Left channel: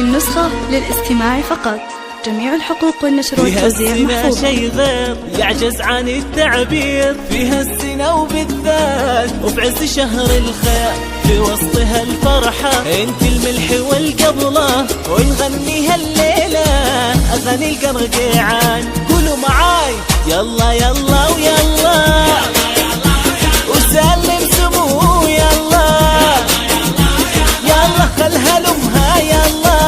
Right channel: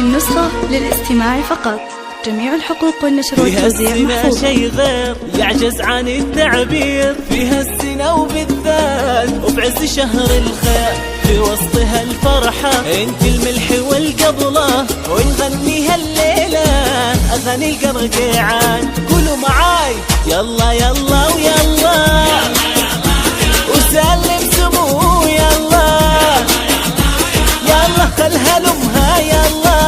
النسخة للاستماع فقط. جميع الحقوق والنشر والتوزيع محفوظة. فيها شي غير يعجز عن التعبير، فيها السنة وبالذات وفي عز شهر الخير، في وسطها الفرحة انت الملح والقبلة، ونغنيها الليلة اغاني القرقيعان. قولوا معاي يلا يلا ويلا وسلم سمو يلا يلا خلها لامها يلا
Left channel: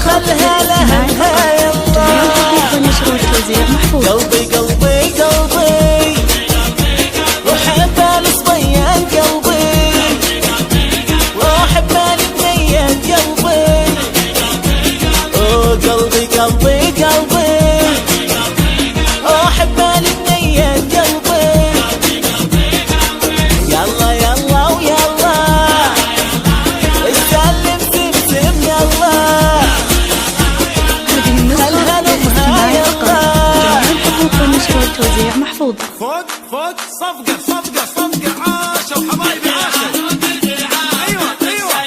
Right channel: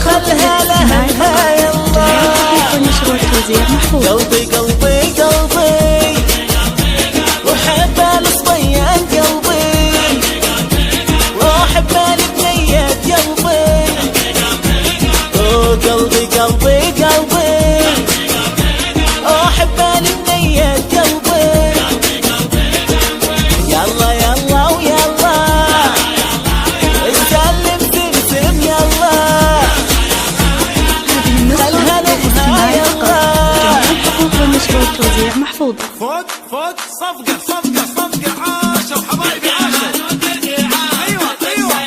خلها لها يلا. جميع الحقوق والنشر والتوزيع محفوظة. قلبي قلبي قلبي وحب الصبيان قلبي، واحب البنيات قلبي، قلبي قلبي قلبي واحب البنيات قلبي. يلا يلا ويلا سلم سمسم يلا. هذه النسخة للاستماع فقط. جميع الحقوق والنشر والتوزيع محفوظة. فوق فوق صفقة صفقة صفقة، عاشوا حبايبي عاشوا. ايوه ايوه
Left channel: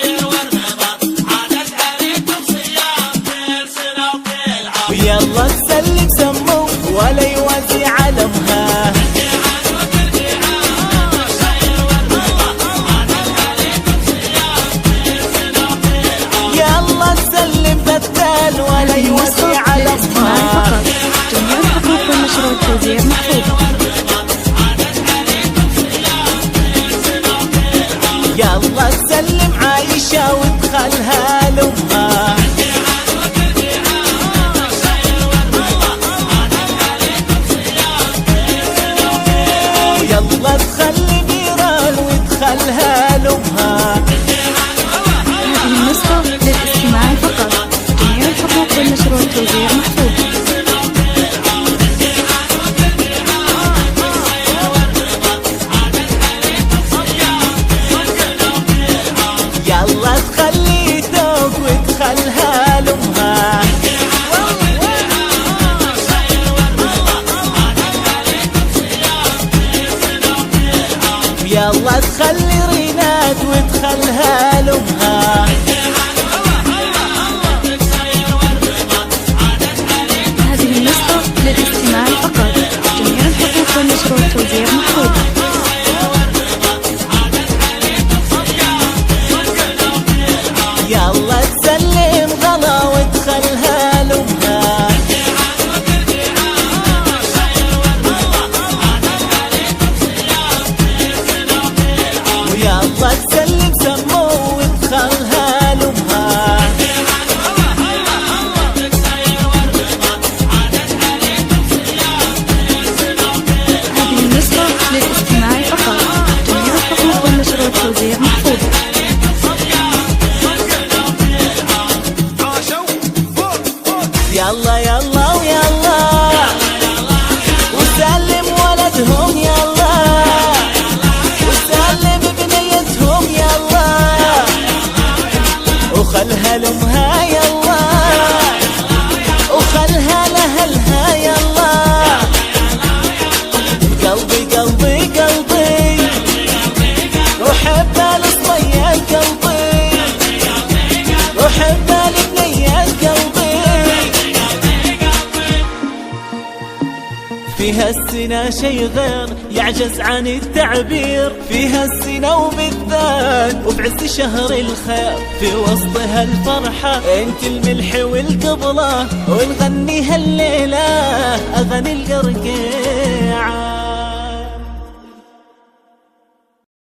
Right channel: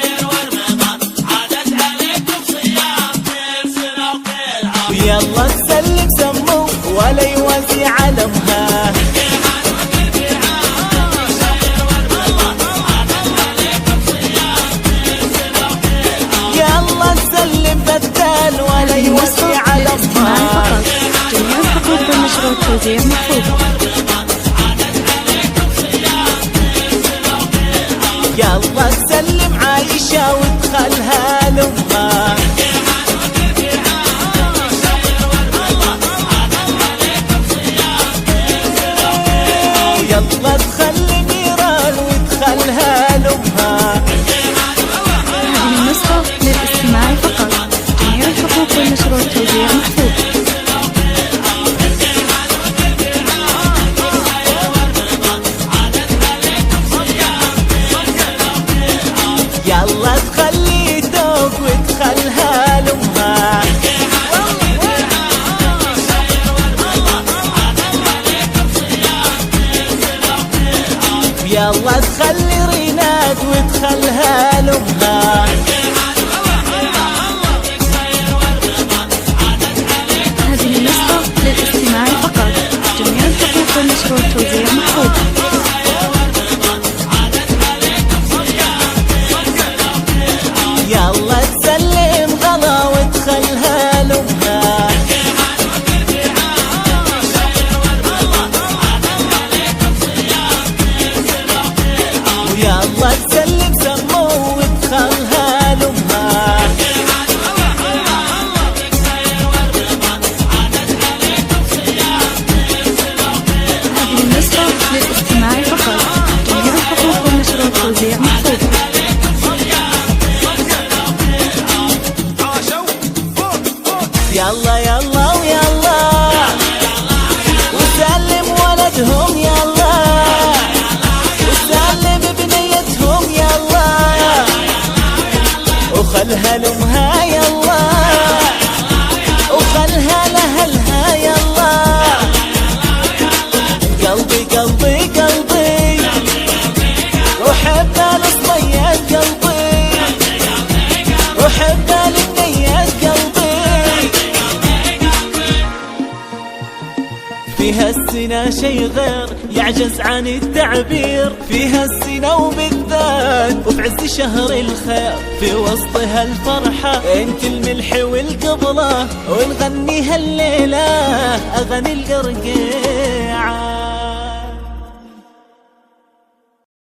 ويلا تسلم سمو ولا يوازي علمها. يلا تسلم بدال ولا يوازي علمها. فقط. جميع الحقوق والنشر والتوزيع محفوظة. يلا تسلم عايشة وادخلها لامها. يلا تخلي ميران وادخلها لامها. هذه النسخة للاستماع فقط. جميع الحقوق والنشر والتوزيع محفوظة. يلا تخلي ذوق وادخلها لامها. يلا تخلي ريناد وادخلها لامها. هذه النسخة للاستماع فقط. جميع الحقوق والنشر والتوزيع محفوظة. يلا تسلم غلا وادخلها لامها. ويلا تسلم سمو وادخلها لامها. هذه النسخة للاستماع فقط. جميع الحقوق والنشر والتوزيع محفوظة. يلا يلا ويلا وسلم ولدهم يلا وسلم بنيتهم يلا وخلها لامها يلا وخلها لأهلها يلا. قلبي قلبي قلبي وحب الصبيان قلبي وحب البنيات قلبي. فيها السنة شي غير يعجز عن التعبير، فيها السنة وبالذات وفي عز شهر الخير، في وسطها الفرحة انت الملح والقبلة، ونغنيها الليلة اغاني القرقيعان.